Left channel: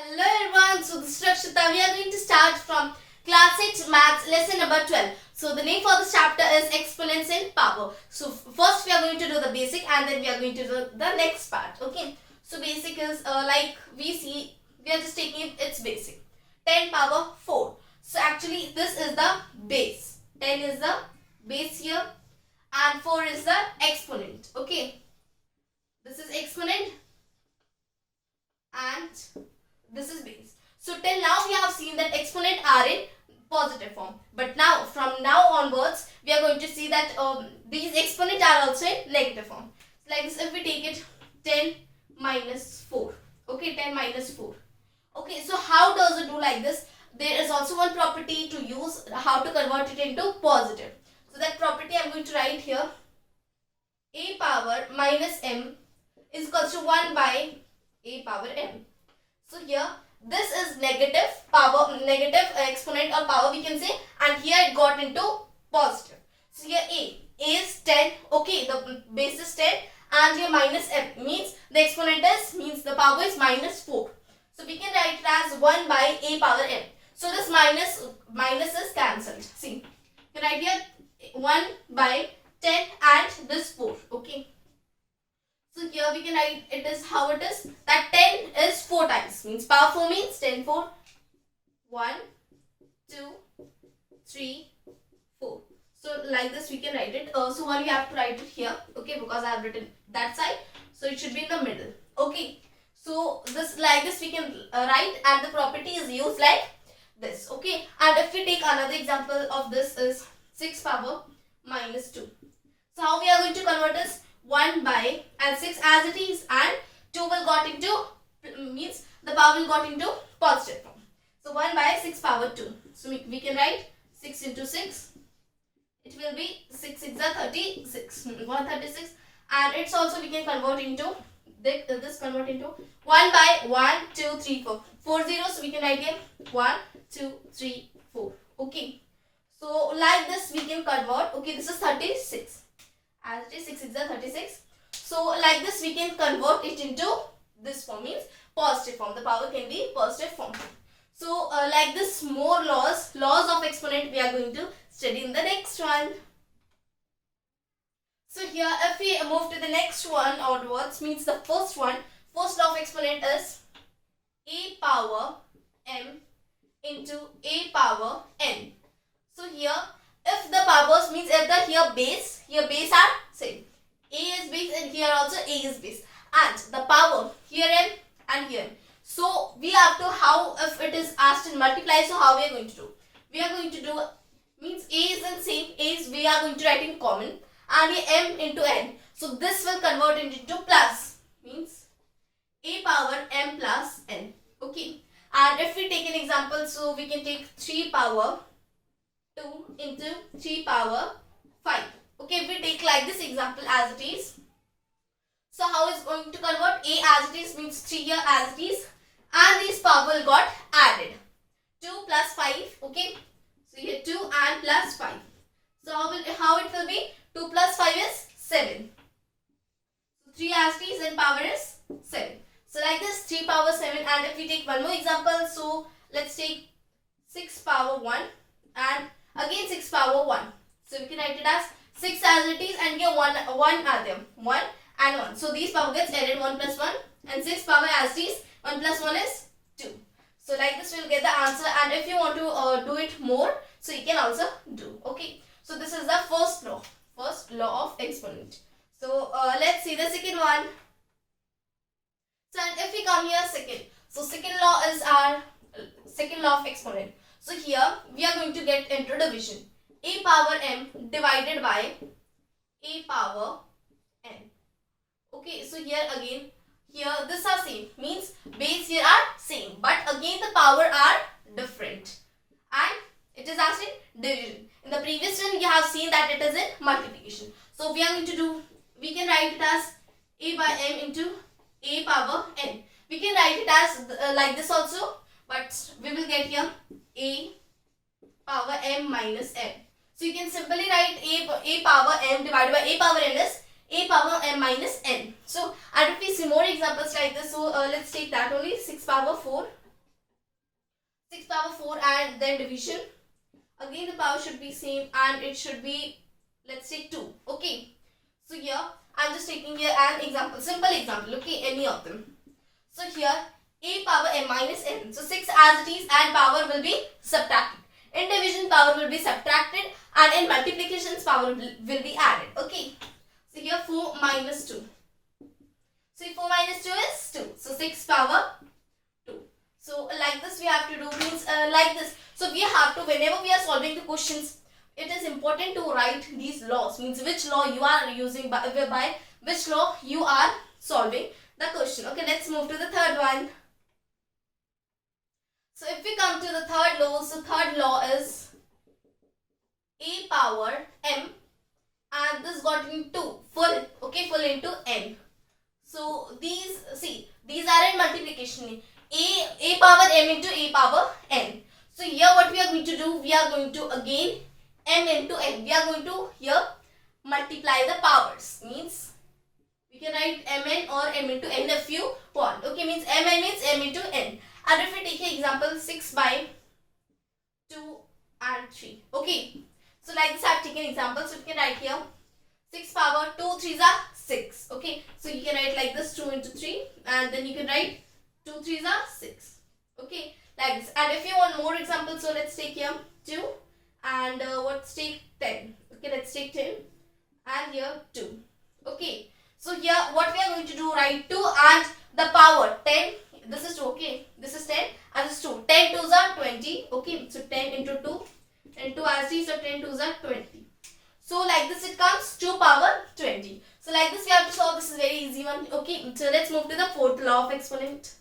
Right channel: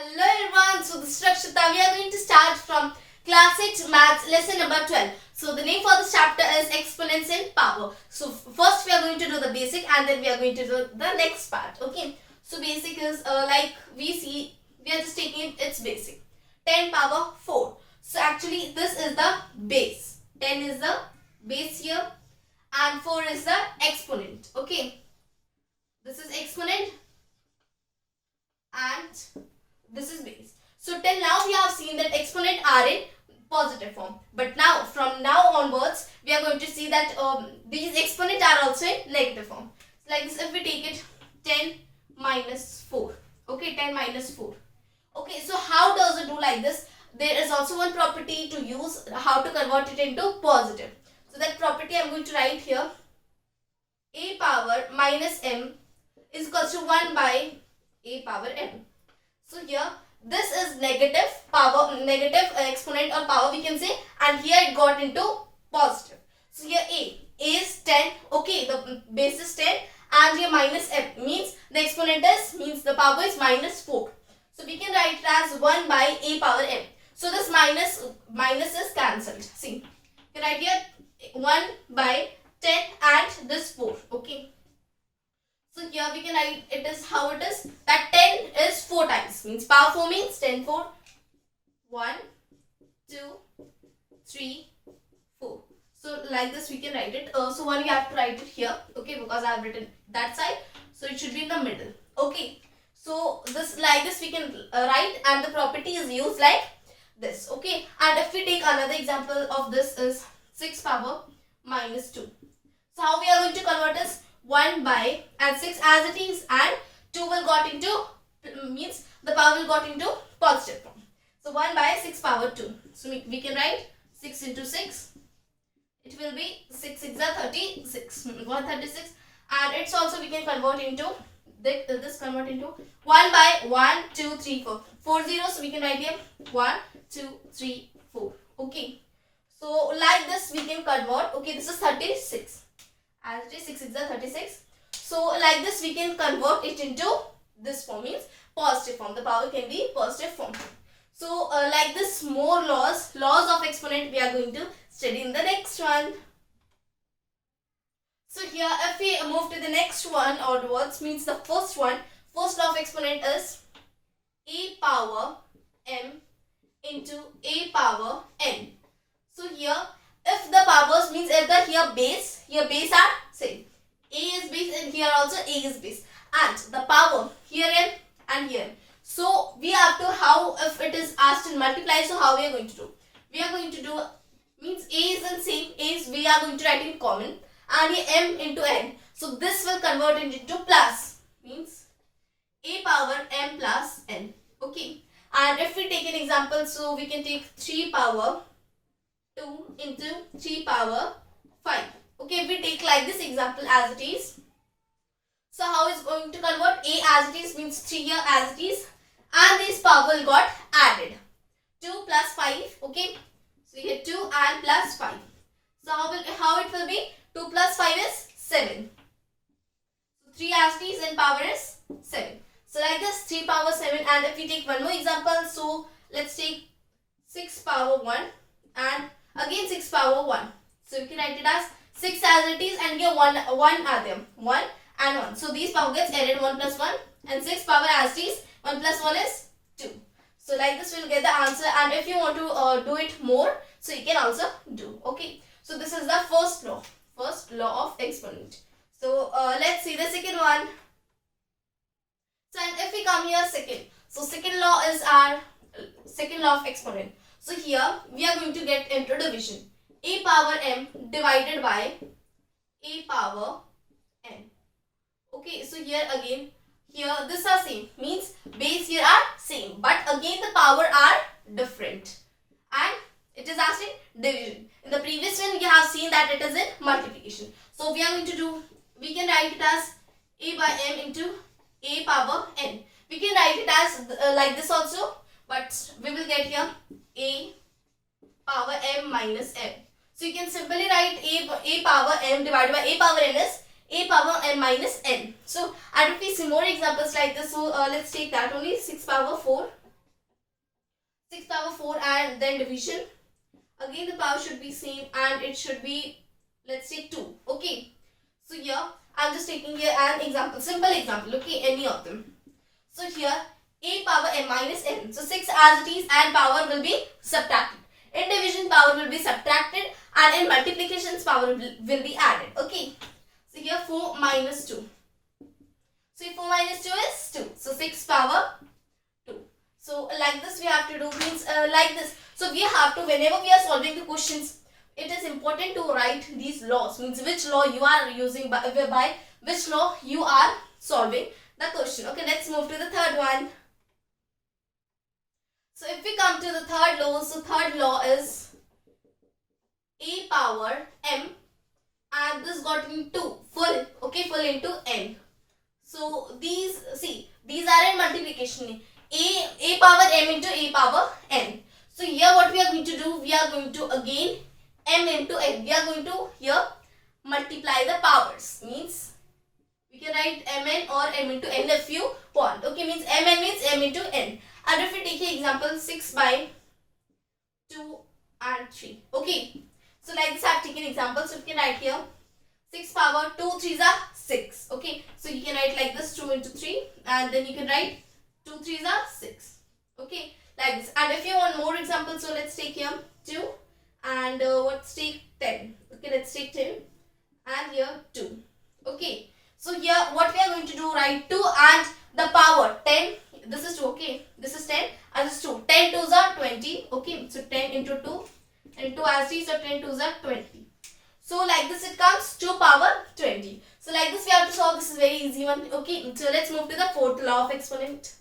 Hello everyone, so this is Rakshita. We are going to start from class 8 maths lesson number 12. So the name for this chapter is exponents in power. So first we are going to do the basic and then we are going to do the next part. Okay. So basic is like we see, we are just taking its basic. 10 power 4. So actually this is the base. 10 is the base here and 4 is the exponent. Okay. This is exponent and this is base. So till now we have seen that exponent are in positive form. But now from now onwards we are going to see that these exponent are also in negative form. So like this, if we take it 10 minus 4. Okay, 10 minus 4. Okay, so how does it do like this? There is also one property to use how to convert it into positive. So that property I am going to write here. A power minus m is equals to 1 by a power m. So here this is negative power, negative exponent or power we can say, and here it got into positive. So here a is 10. Okay, the base is 10 and here minus m means the exponent is, means the power is minus 4. So we can write it as 1 by a power m. So this minus is cancelled. See, you can write here 1 by 10 and this 4. Okay. So here we can write it is how it is, that 10 is 4 times, means power 4 means 10 4. 1, 2, 3, 4. So like this we can write it. So one you have to write it here, okay, because I have written that side. So it should be in the middle. Okay. So this like this we can write, and the property is used like this. Okay. And if we take another example of this is 6 power minus 2. So how we are going to convert this? 1 by and 6 as it is, and 2 will got into, means the power will got into positive form. So 1 by 6 power 2. So we can write 6 into 6. It will be 6 6 are 36. 136. And it's also we can convert into this convert into 1 by 1 2 3 4. 4 zeros. So we can write here 1 2 3 4. Okay. So like this we can convert. Okay, this is 36. As it is 6 6 are 36. So like this we can convert it into this form, means positive form. The power can be positive form. So like this, more laws of exponent we are going to study in the next one. So here if we move to the next one onwards, means the first law of exponent is a power m into a power n. So here if the powers, means if the here base are same. A is base and here also A is base. And the power here n and here. So we have to, how if it is asked in multiply, so how we are going to do? We are going to do, means A is in same, A is we are going to write in common, and here m into n. So this will convert it into plus, means a power m plus n. Okay. And if we take an example, so we can take 3 power 2 into 3 power 5. Okay, if we take like this example as it is. So how is going to convert? A as it is means 3 here as it is, and this power got added. 2 plus 5. Okay. So here 2 and plus 5. So how it will be? 2 plus 5 is 7. 3 as it is and power is 7. So like this 3 power 7, and if we take one more example, so let's take 6 power 1 and again 6 power 1. So we can write it as 6 as it is, and here 1 are there. 1 and 1. So these power gets added, 1 plus 1, and 6 power as it is, 1 plus 1 is 2. So like this we'll get the answer, and if you want to do it more, so you can also do. Okay. So this is the first law of exponent. So let's see the second one. So and if we come here second. So second law is our second law of exponent. So here we are going to get into division. A power m divided by a power n. Okay, so here again, here this are same, means base here are same, but again the power are different, and it is asked in division. In the previous one you have seen that it is in multiplication. So we are going to do, we can write it as a by m into a power n. We can write it as like this also, but we will get here a power m minus n. So you can simply write a power m divided by a power n is a power m minus n. So and if we see more examples like this, so let's take that only. 6 power 4 6 power 4 and then division. Again the power should be same and it should be, let's say 2. Okay. So here I'm just taking here an example, simple example. Okay, any of them. So here a power m minus n. So 6 as it is and power will be subtracted. In division power will be subtracted and in multiplications power will be added. Okay. So here 4 minus 2. So 4 minus 2 is 2. So 6 power 2. So like this we have to do, means like this. So we have to, whenever we are solving the questions, it is important to write these laws, means which law you are using, by which law you are solving the question. Okay, let's move to the third one. So if we come to the third law, so third law is a power m and this got into full, okay, full into n. So these, see, these are in multiplication. A power m into a power n. So here what we are going to do, we are going to again m into n. We are going to here multiply the powers. Means we can write mn or m into n if you want. Okay, means mn means m into n. And if we take an example 6 by 2 and 3. Okay. So like this I have taken example. So we can write here 6 power 2 3s are 6. Okay. So you can write like this 2 into 3 and then you can write 2 3s are 6. Okay. Like this. And if you want more examples, so let's take here 2 and let's take 10. Okay. Let's take 10 and here 2. Okay. So here what we are going to do, write 2 and the power 10. This is 2, okay. This is 10 and this is 2. 10 2s are 20. Okay. So 10 into 2 and 2 as t, so 10 2s are 20. So like this it comes 2 power 20. So like this we have to solve. This is very easy one. Okay. So let's move to the fourth law of exponent.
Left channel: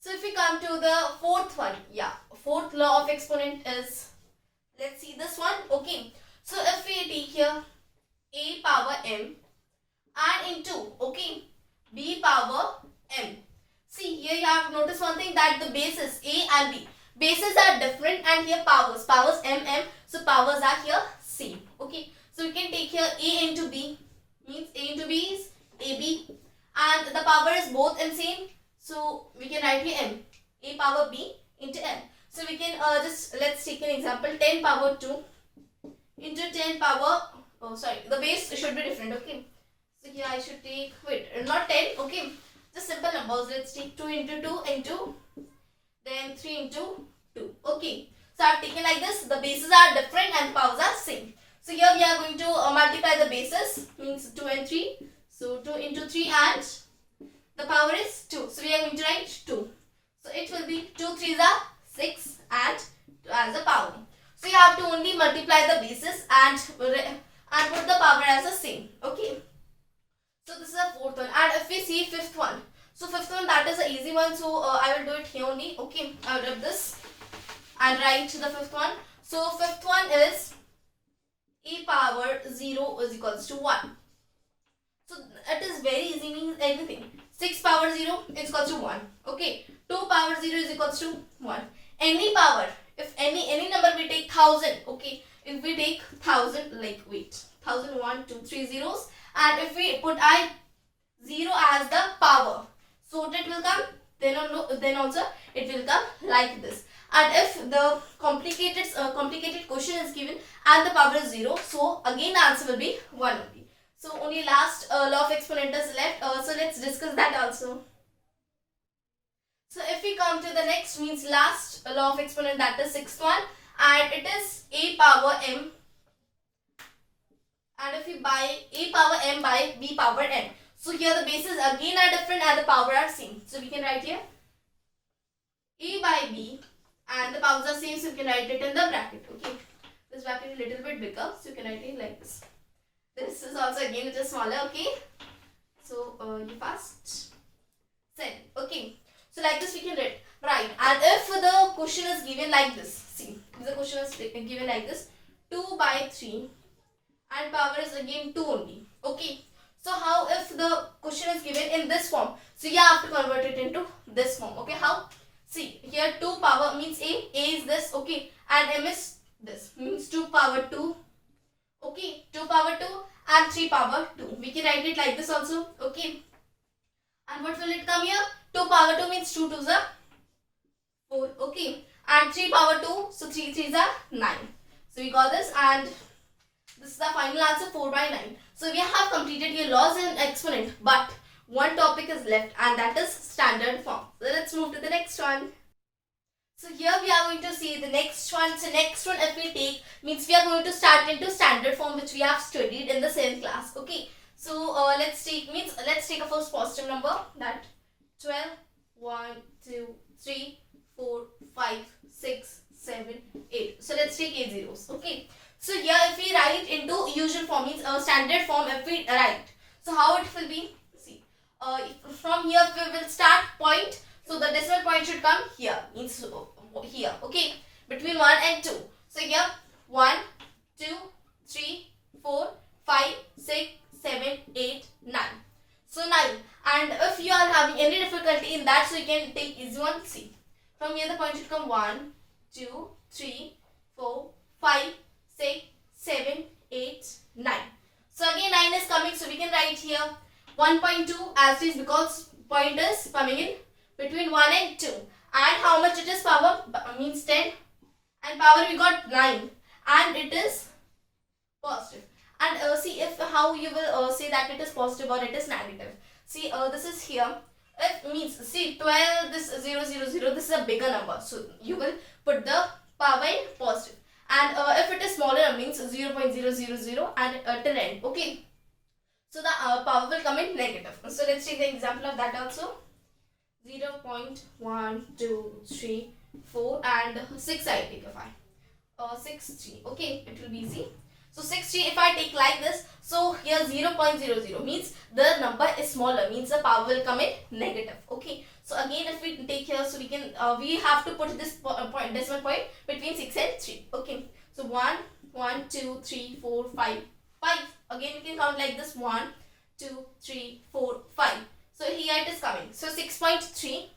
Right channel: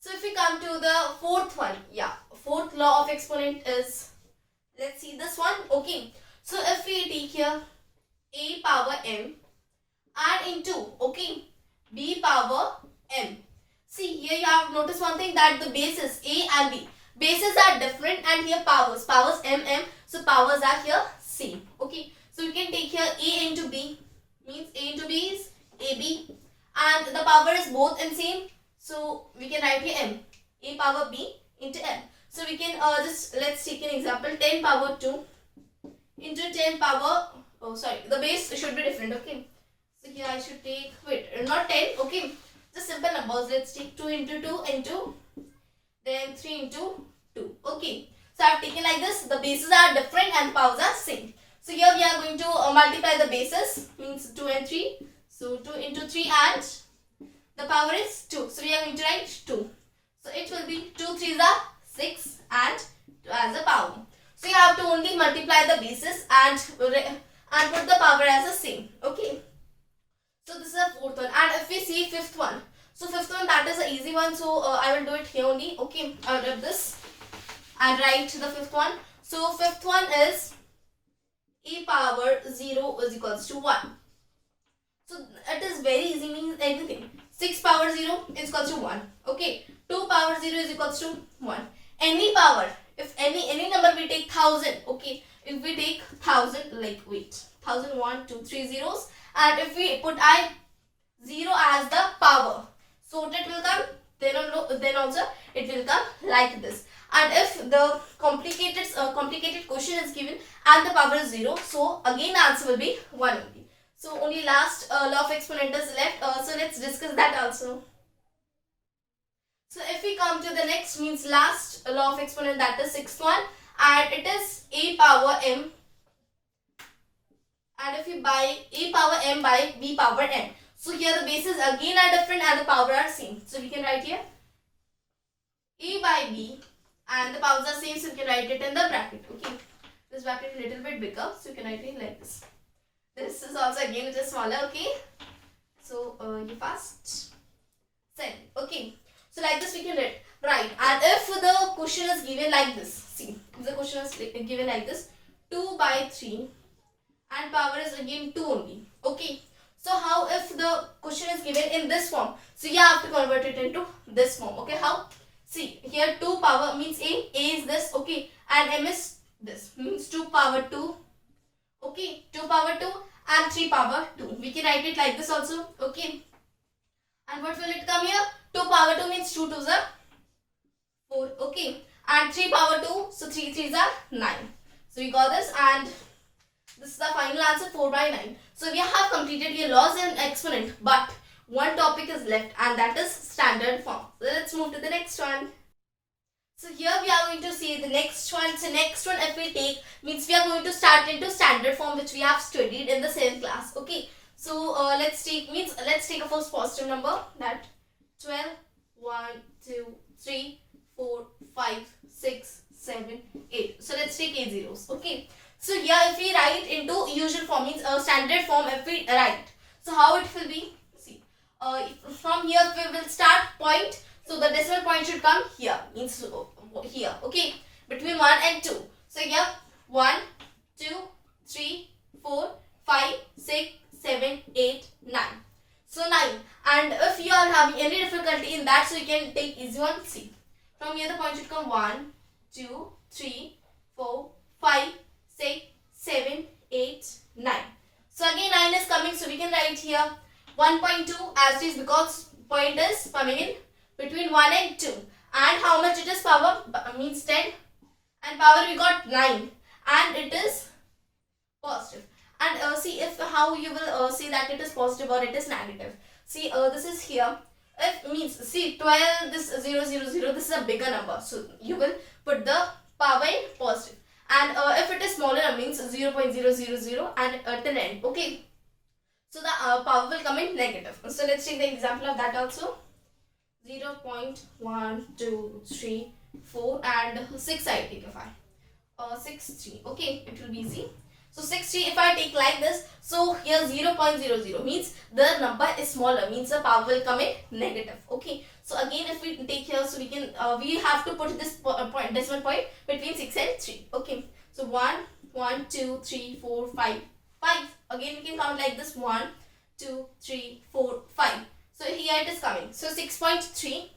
So if we come to the fourth one, yeah, fourth law of exponent is, let's see this one. Okay. So if we take here a power m and into, okay, b power m. See here you have noticed one thing, that the bases a and b, bases are different and here powers m, so powers are here same. Okay. So you can take here a into b, means a into b is ab and the power is both in same. So we can write here m, a power b into m. So we can just, let's take an example 10 power 2 into 10 power, oh sorry, the base should be different. Okay. So here I should take, wait, not 10, okay, just simple numbers. Let's take 2 into 2 into, then 3 into 2. Okay. So I have taken like this, the bases are different and powers are same. So here we are going to multiply the bases, means 2 and 3. So 2 into 3 and the power is 2. So we are going to write 2. So it will be 2 3s are 6 and 2 as a power. So you have to only multiply the bases and put the power as the same. Okay. So this is the fourth one. And if we see fifth one, so fifth one, that is an easy one. So I will do it here only. Okay. I will rip this and write the fifth one. So fifth one is a power 0 is equals to 1. So it is very easy, means anything. 6 power 0 is equals to 1. Okay. 2 power 0 is equals to 1. Any power, if any number we take 1000. Okay. If we take 1000, like wait, 1000, 1, 2, 3 zeros. And if we put 0 as the power, so it will come, then also it will come like this. And if the complicated question is given and the power is 0, so again the answer will be 1 only. So only last law of exponent is left. So let's discuss that also. So if we come to the next, means last law of exponent, that is sixth one, and it is a power m. And if we by a power m by b power n. So here the bases again are different and the power are same. So we can write here a by b and the powers are same. So you can write it in the bracket. Okay. This bracket is a little bit bigger. So you can write it like this. This is also again it is smaller. Okay. So you fast. Send. Okay. So like this we can write. And if the question is given like this. See. If the question is given like this. 2 by 3. And power is again 2 only. Okay. So how if the question is given in this form? So you have to convert it into this form. Okay. How? See here 2 power means a is this. Okay. And m is this. Means 2 power 2. Okay. 2 power 2 and 3 power 2. We can write it like this also. Okay. And what will it come here? 2 power 2 means 2 2s are 4. Okay. and 3 power 2, so 3 3s are 9. So we got this, and this is the final answer, 4 by 9. So we have completed your laws and exponent, but one topic is left, and that is standard form. So let's move to the next one. So here we are going to see the next one. So next one, if we take, means we are going to start into standard form, which we have studied in the same class. Okay. So let's take a first positive number, that 12, 1, 2, 3, 4, 5, 6, 7, 8. So let's take 8 zeros. Okay. So here if we write into usual form, means standard form, if we write, so how it will be? See, from here we will start point. So the decimal point should come here, means here, okay, between 1 and 2. So here 1, 2, 3, 4, 5, 6, 7, 8, 9. So 9. And if you are having any difficulty in that, so you can take easy one. See, from here the point should come 1, 2, 3, 4, 5, 6, 7, 8, 9. So again 9 is coming, so we can write here 1.2 as it is, because point is coming in between 1 and 2. And how much it is power? Means 10. And power we got 9. And it is positive. And see if how you will say that it is positive or it is negative. See, this is here. It means, see, 12, this 0, 0, 0, this is a bigger number. So you will put the power in positive. And if it is smaller, means 0.000 and till end. Okay. So the power will come in negative. So let's take the example of that also. 0.1, 2, 3, 4 and 6 I take if I 6, 3. Okay, it will be easy. So 6, 3 if I take like this, so here 0.00 means the number is smaller, means the power will come in negative. Okay, so again if we take here, so we can we have to put this point, decimal point between 6 and 3. Okay, so 1, 1, 2, 3, 4, 5, 5. Again we can count like this, 1, 2, 3, 4, 5. So here it is coming. So 6.3.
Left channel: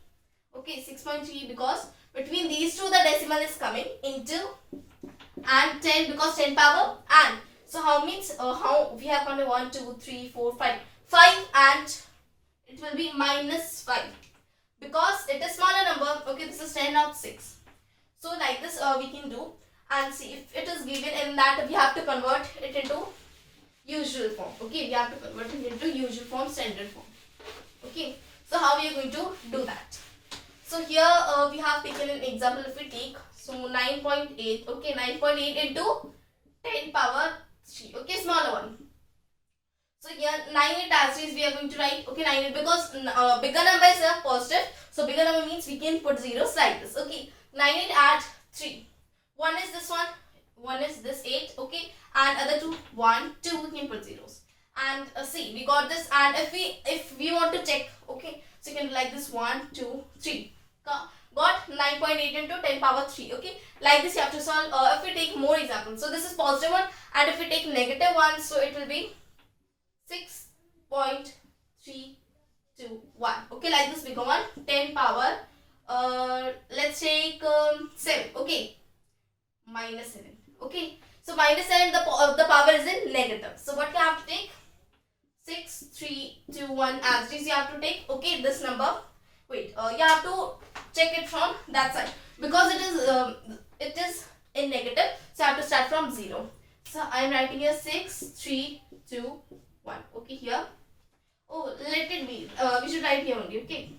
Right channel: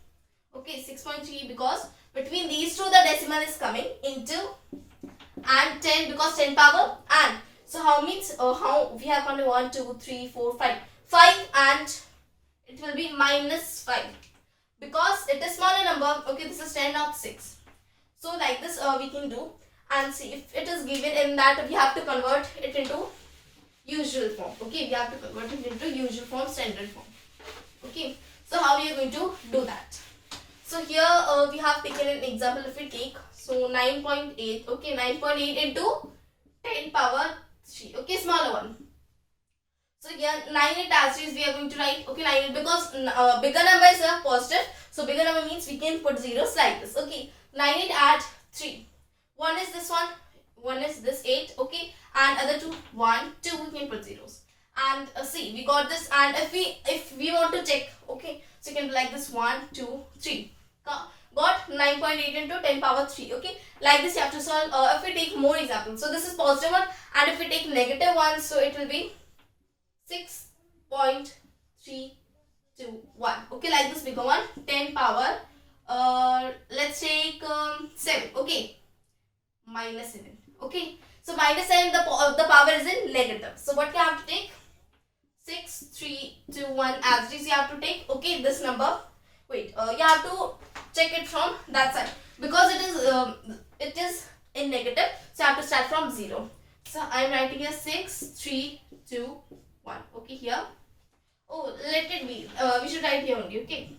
Okay, 6.3 because between these two the decimal is coming into, and 10 because 10 power, and so how means how we have only 1, 2, 3, 4, 5. 5 and it will be minus 5 because it is smaller number. Okay, this is 10 out 6. So like this we can do, and see if it is given in that we have to convert it into usual form. Okay, we have to convert it into usual form, standard form. Okay, so how are you going to do that? So here we have taken an example. If we take, so 9.8. Okay, 9.8 into 10 power 3. Okay, smaller one. So here 9 as is we are going to write. Okay, 9 because bigger number is a positive. So bigger number means we can put zeros like this. Okay, 9 add 3. One is this one is this 8. Okay, and other two 1, 2 we can put zeros. And see, we got this, and if we want to check, okay, so you can do like this, 1, 2, 3. Got 9.8 into 10 power 3. Okay, like this you have to solve. If we take more examples, so this is positive one, and if we take negative one, so it will be 6.321. Okay, like this bigger one, 10 power let's take 7. Okay, minus 7. Okay, so minus 7, the power is in negative. So what you have to take? 6, 3, 2, 1 as it is you have to take. Okay, this number. Wait, you have to check it from that side because it is in negative. So I have to start from 0. So I am writing here 6, 3, 2, 1. Okay, here. Oh, let it be. We should write here only. Okay,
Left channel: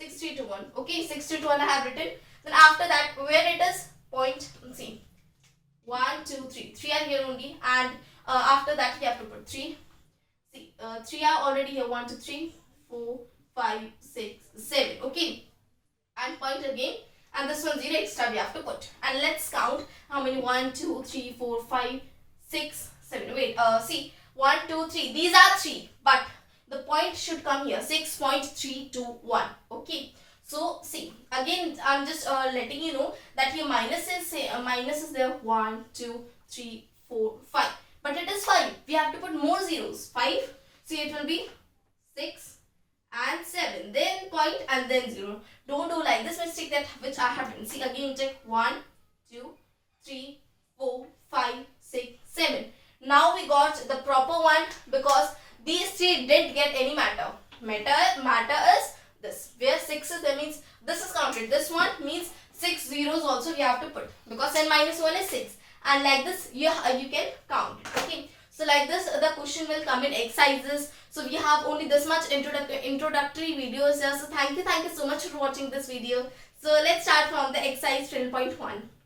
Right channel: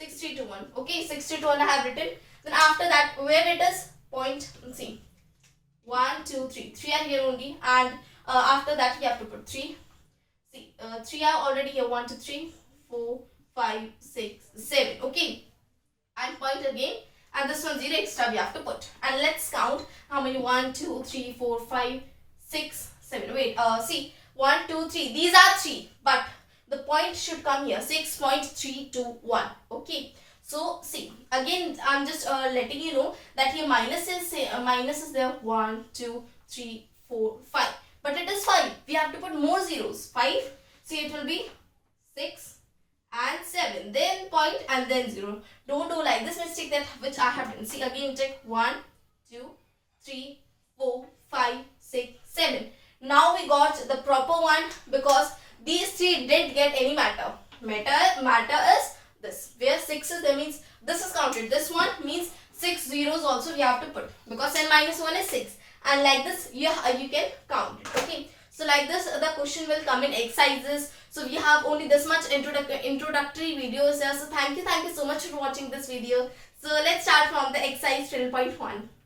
6, 3, 2, 1. Okay, 6, 3, 2, 1 I have written. Then after that, where it is point, see, 1, 2, 3. 3 are here only, and after that you have to put 3. See, 3 are already here. 1, 2, 3, 4, 5, 6, 7. Okay, and point again, and this one 0 extra we have to put. And let's count how many. 1, 2, 3, 4, 5, 6, 7. Wait, see, 1, 2, 3. These are 3, but the point should come here. 6.321. Okay. So see, again I'm just letting you know that here minus is there. 1, 2, 3, 4, 5. But it is 5. We have to put more zeros. 5. See, it will be 6 and 7. Then point and then 0. Don't do like this mistake that which I have done. See, again check. 1, 2, 3, 4, 5, 6, 7. Now we got the proper one because these 3 didn't get any matter. Matter is this. Where 6 is there means this is counted. This one means 6 zeros also we have to put, because 10 minus 1 is 6, and like this you can count it. Okay, so like this the question will come in exercises. So we have only this much introductory videos here. So thank you so much for watching this video. So let's start from the exercise 12.1.